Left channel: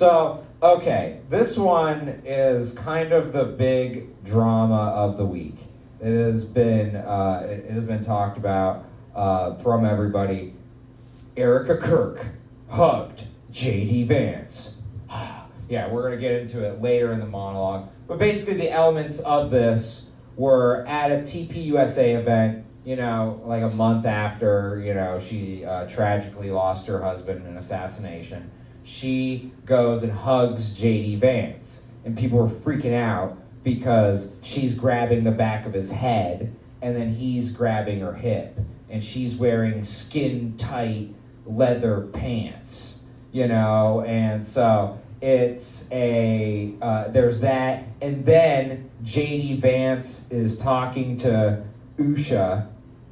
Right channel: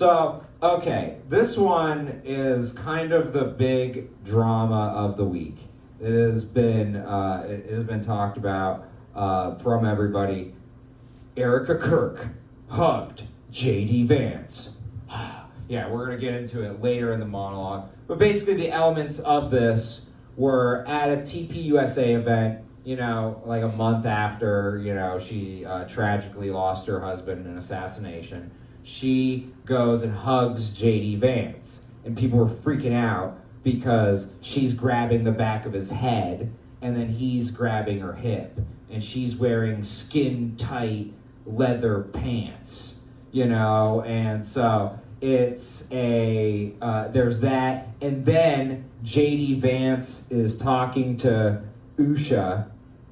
So, okay, this one is kind of the big drama of the week. It has been talked about from everybody. Erika Kirk hugged J.D. Vance. Yeah, we're going to get into it later in the monologue. But basically the elements of this were at a TPUSA event, like a month after, she tragically lost her husband in an assassination. She goes and hugs J.D. Vance. And people were freaking out because she's grabbing the back of his head and then he's grabbing her hip. And she's wearing skin-tight leather pants, and so it's there's that, and then J.D. Vance is talking to Usha,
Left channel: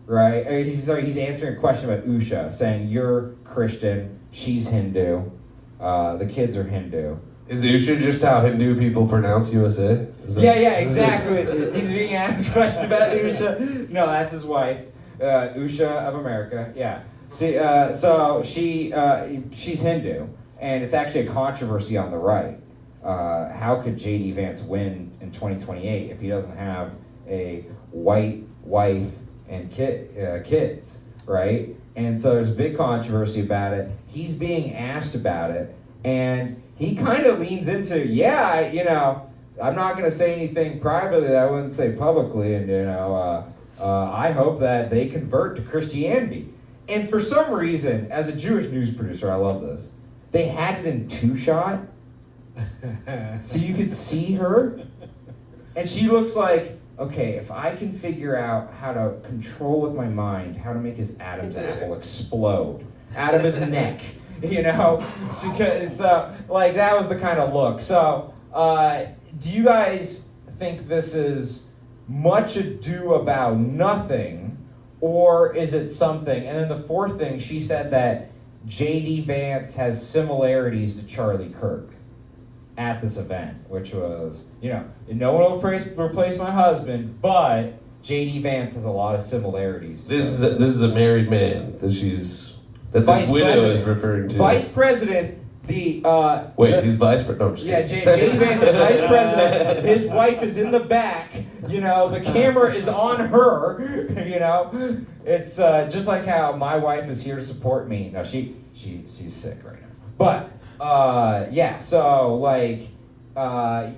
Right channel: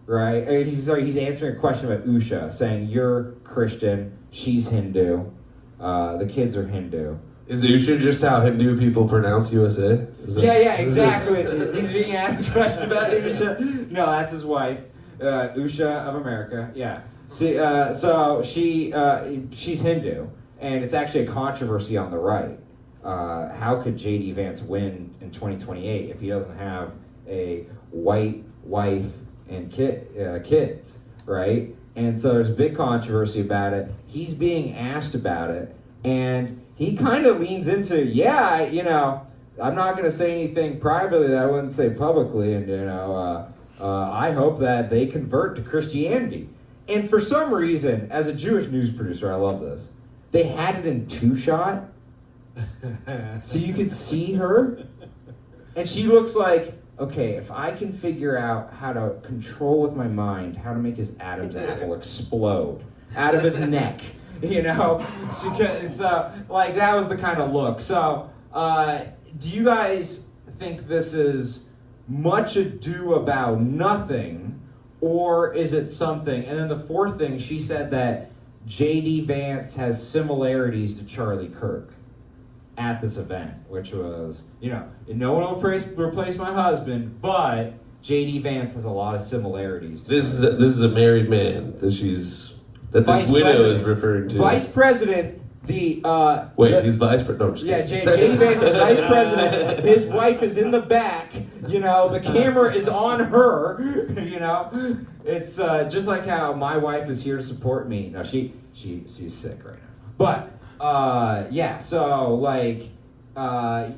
right? He's answering a question about Usha, saying, you're Christian, she's Hindu, the kids are Hindu. Is Usha just how Hindu people pronounce USA? Yeah, exactly. He's being asked a question about Usha. No, that's his wife, Usha of America, yeah. See, so she's Hindu, and it's actually a controversy on the right. How could J.D. Vance win in 2028 if he doesn't have a white wife and kids, right? And so there's a big controversy about it. He's being asked about it, and he kind of leans into, I'm not going to say anything privately that I wouldn't say publicly, and I hope that they convert to Christianity. And for some reason, as a Jewish news producer, I love this. They had it in 2-shot, so you could see her. And she looks like, okay, if I can figure out how to control with my mind how to make his Adam's apple explode out of his neck, So, like, that was the kind of look. So, do you guys think this is much ado about nothing? Or is it something? And then the fourth thing, she said that J.D. Vance has similarities to Charlie Kirk at this event, which was, no one will replace my husband, but J.D. Vance has a lot of similarities. This is a married man that this widow is referring to. Vice President. He's vice president. No, I'm just kidding. J.D. Vance is vice president. His wife is in the back. The camera is on her. It's just like how my wife is here to support me. No, she's sick right now. But so like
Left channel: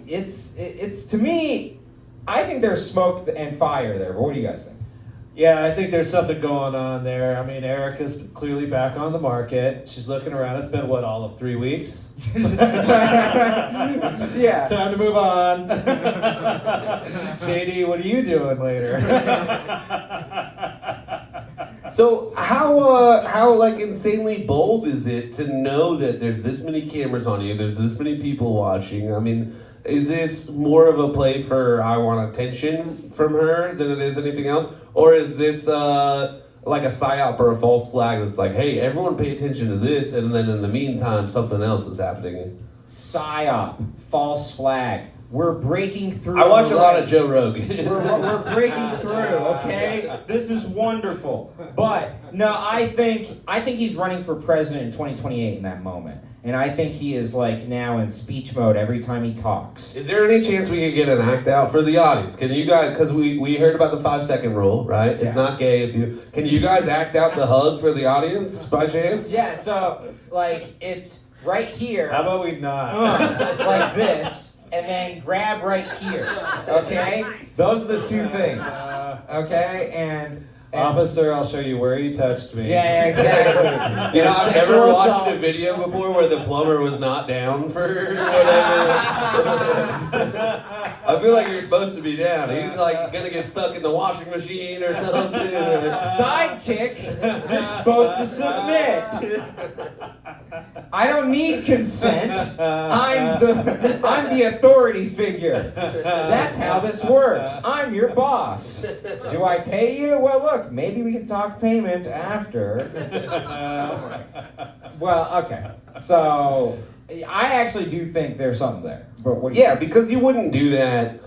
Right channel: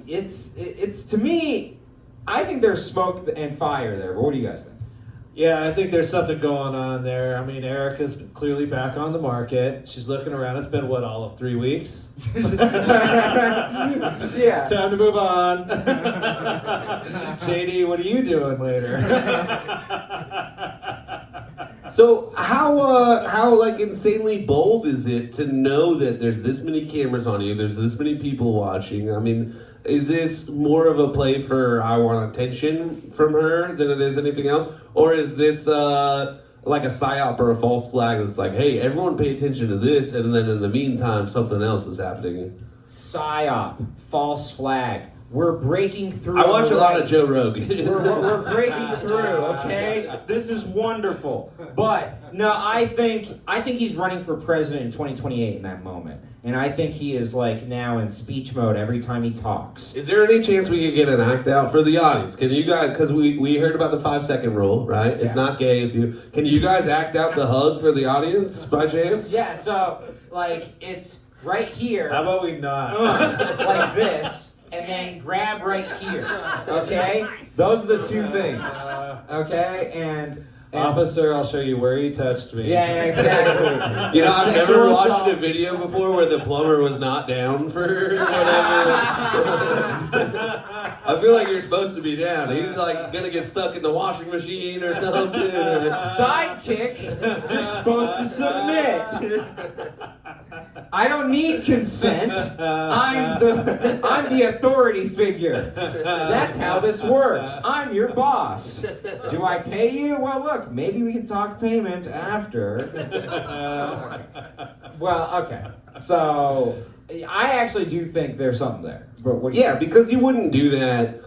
it's to me, I think there's smoke and fire there. But what do you guys think? Yeah, I think there's something going on there. I mean, Erica's clearly back on the market. She's looking around. It's been, all of 3 weeks? Yeah. It's time to move on. JD, what are you doing later? So how like insanely bold is it to know that there's this many cameras on you, there's this many people watching? I mean, is this more of a play for I want attention from her than it is anything else? Or is this like a psyop or a false flag that's like, hey, everyone pay attention to this, and then in the meantime, something else is happening? Psyop, false flag. We're breaking through. I watch a lot of Joe Rogan. we're breaking through, okay? This is wonderful. But, no, I think he's running for president in 2028 in that moment. And I think he is like now in speech mode every time he talks. Is there any chance we could get an act out for the audience? Can you guys, because we heard about the 5-second rule, right? It's not gay if you, can you guys act out the hug for the audience by chance? Yeah, so like it's right here. How about we not? Like this, and then grab right here, okay? Those are the two things, okay? And officer, I'll show you where you touched me. Yeah, exactly. I've never watched a video before where the plumber was not down for whatever. I feel like you're supposed to be down. He's like gonna get stuck in the washing machine or something. Sidekick, you're supposed to submit. I don't need consent. I'm the authority figure. That's how this works. I'm your boss. Do I pay you? Well, look, maybe we can talk payment after. Well, okay. So I actually do think there's something there. But what do you think? Because you wouldn't do that.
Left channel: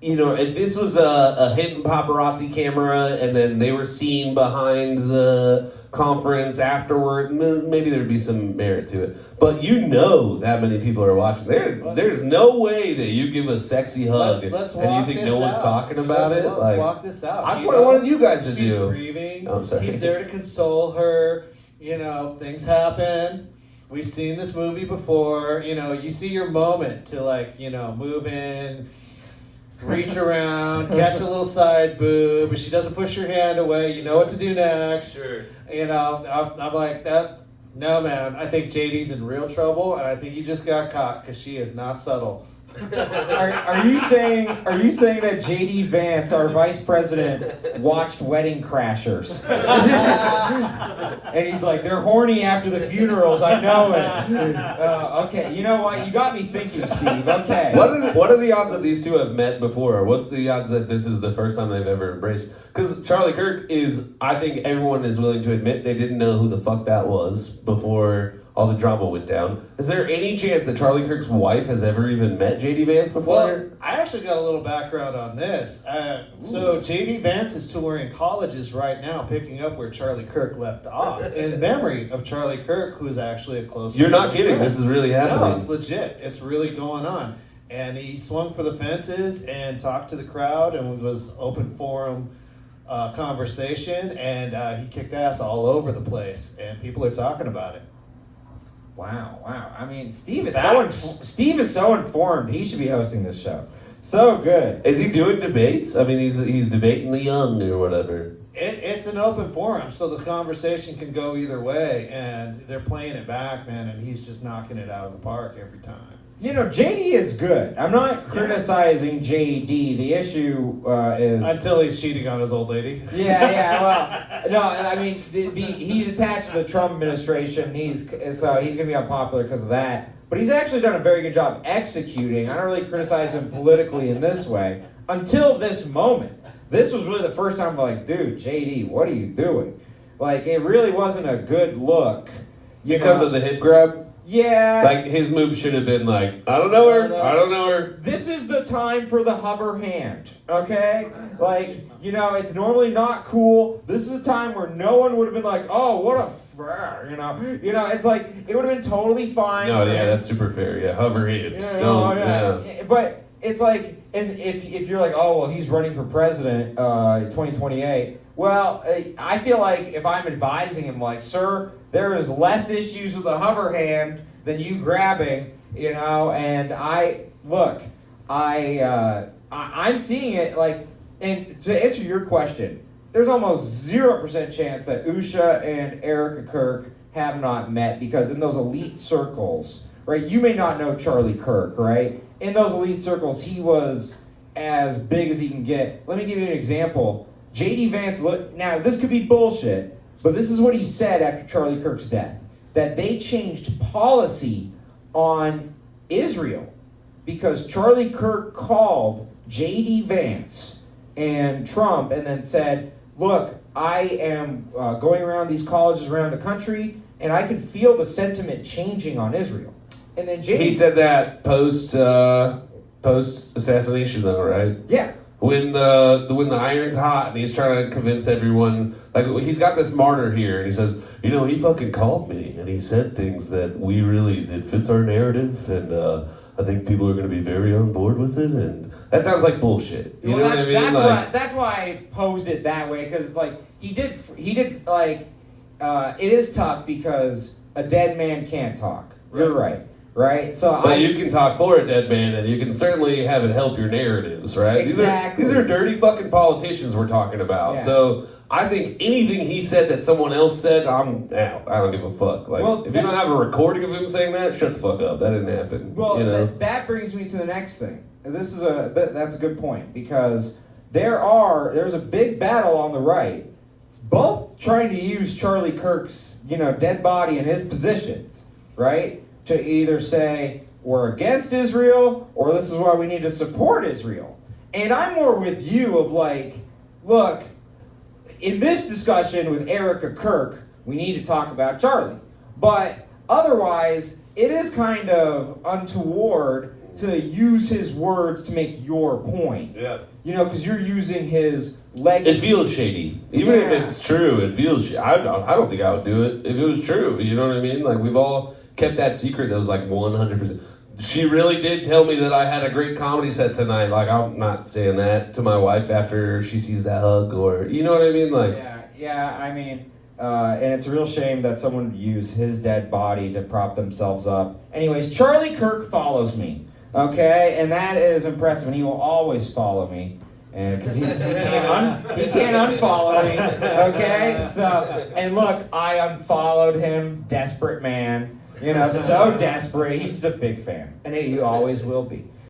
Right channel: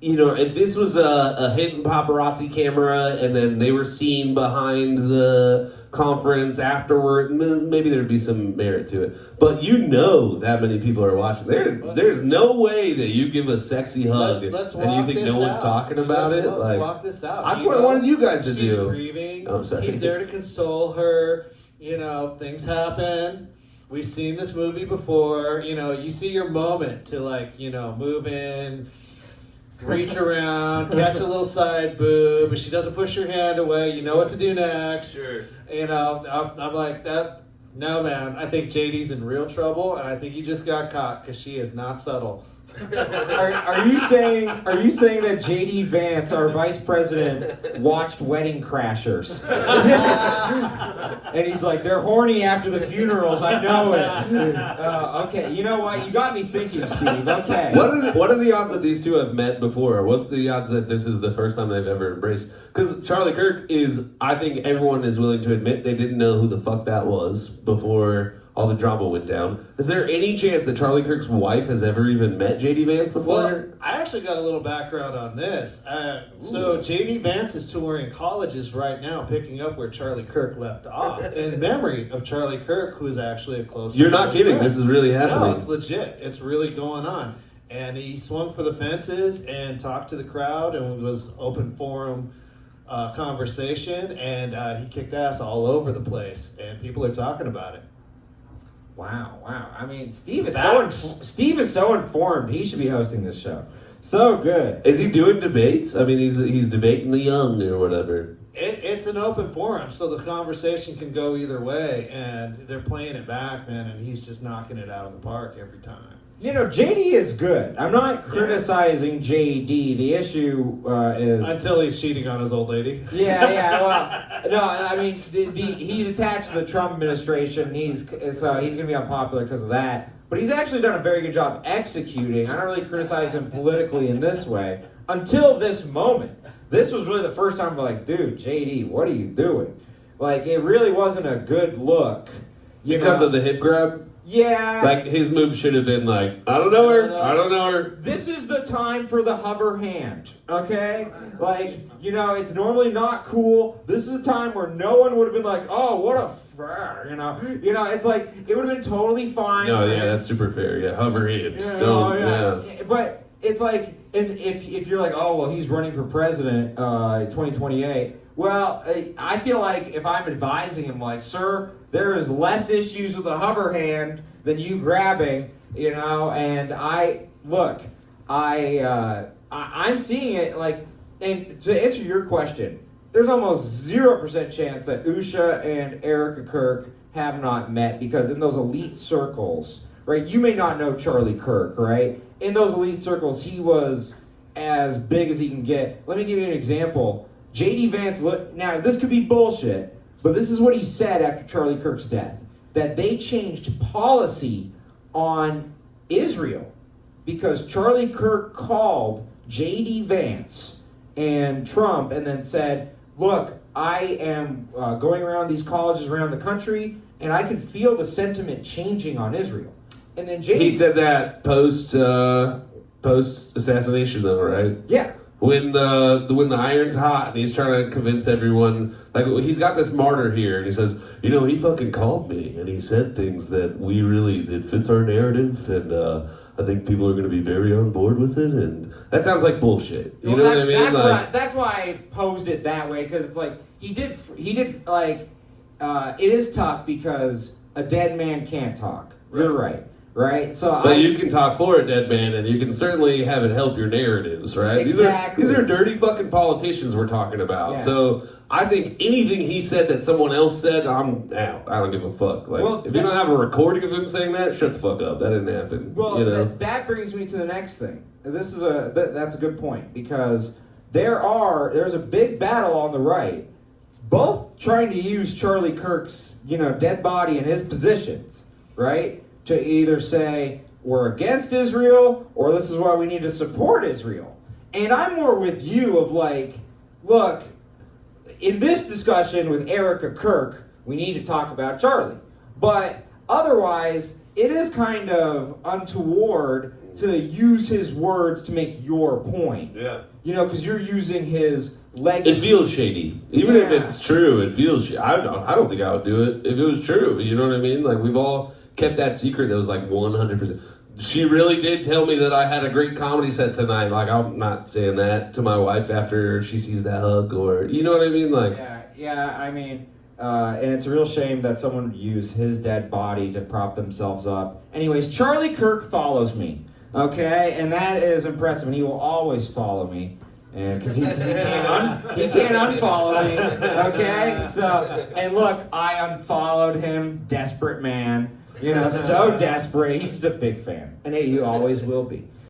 If this was a hidden paparazzi camera and then they were seen behind the conference afterward, maybe there'd be some merit to it. But you know that many people are watching. There's no way that you give a sexy hug let's and you think no one's talking about it. Let's walk this out. That's what I wanted you guys to do. She's grieving. Oh, sorry. He's there to console her. Things happen. We've seen this movie before. You see your moment to move in, reach around, catch a little side boob. If she doesn't push your hand away, you know what to do next. Sure. I'm like that. No, man. I think JD's in real trouble, and I think he just got caught because she is not subtle. Are you saying that JD Vance, our vice president, watched Wedding Crashers? And he's like, they're horny after the funerals. I know it. Okay, you know what? You got me thinking, Steve. Okay. What are the odds that these two have met before? What's the odds that this is the first time they've ever embraced? Because Charlie Kirk I think everyone is willing to admit they didn't know who the fuck that was before all the drama went down. Is there any chance that Charlie Kirk's wife has ever even met JD Vance before? Well, I actually got a little background on this. So JD Vance is touring colleges right now, picking up where Charlie Kirk left off, in memory of Charlie Kirk, who is actually a close friend. You're not kidding. This is really happening. No, it's legit. It's really going on. And he swung for the fences and talked to the crowd and was open forum conversation, and he kicked ass all over the place, and people are talking about it. Wow. I mean, Steve is so informed. He should be hosting this show. So good. Is he doing debates? I mean, he's debating the young or whatever. It's an open forum, so the conversation can go either way, and they're playing it back, man, and he's just knocking it out of the park every time. JD is good. I'm not criticizing JD. The issue is... Until he's cheating on his old lady. Yeah, well, no, I mean, he's attached to the Trump administration. He's going to be unpopular because of that. But he's actually done a very good job executing. I don't really criticize him politically in this way until this moment. This was really the first time I'm like, dude, JD, what are you doing? Like, it really wasn't a good look. Because of the hip grab? Yeah. Like, his move should have been like, I don't know her. This is the time for the hover hand, okay? Like, it's normally not cool. This is a time where no one would have been like, oh, what a it's like, it would have been totally fine. No, yeah, that's super fair. Yeah, hover hands. Yeah. But it's like, and if you're like, oh, well, he's running for president 2028, well, I feel like if I'm advising him, like, sir, there is less issues with a hover hand than you grabbing, and I'm seeing it, like, and to answer your question, there's almost 0% chance that Usha and Erika Kirk have not met, because in those elite circles, right, you may not know Charlie Kirk, right? In those elite circles, he was as big as he can get. Let me give you an example. JD Vance, now this could be bullshit, but this is what he said after Charlie Kirk's death, that they changed policy on Israel because Charlie Kirk called JD Vance and Trump and then said, look, I am going around these colleges around the country and I can feel the sentiment changing on Israel. And then JD... He said that post assassination though, right? Yeah. When the iron's hot and he's trying to convince everyone, like, he's got this martyr here and he says, he fucking called me and he said things that it fits our narrative, and I think people are going to be very on board with it, and that sounds like bullshit. You know what I mean? That's why I posed it that way, because it's like, he did like, it is tough because a dead man can't talk. Right. You're right. Right, but you can talk for a dead man, and you can certainly have it help your narratives, right? Exactly. These are dirty fucking politicians we're talking about. Yeah. So I think anything he said that someone else said, I'm out. I don't give a fuck. Like, if you don't have a recording of him saying that, shut the fuck up. That didn't happen. Well, that brings me to the next thing. That's a good point, because there's a big battle on the right, both trying to use Charlie Kirk's dead body in his positions, right? To either say, we're against Israel, or this is why we need to support Israel. And I'm more with you of like, look, in this discussion with Erika Kirk, we need to talk about Charlie. But otherwise, it is kind of untoward to use his words to make your point. Yeah. You know, because you're using his It legacy. feels shady. Even if Yeah. it's true, it feels I don't think I would do it if it was true. You know what I mean? Like, we've all kept that secret that was like 100%. She really did tell me that I had a great comedy set tonight. Like, I'm not saying that to my wife after she sees that hug, or, you know what I mean? Like, Yeah, I mean, and it's a real shame that someone would use his dead body to prop themselves up. Anyways, Charlie Kirk follows me, okay? And that is impressive, and he will always follow me. And because he can't unfollow me, okay? So, and look, I unfollowed him, desperate man, you know, so desperate. He's a big fan, and he always will be.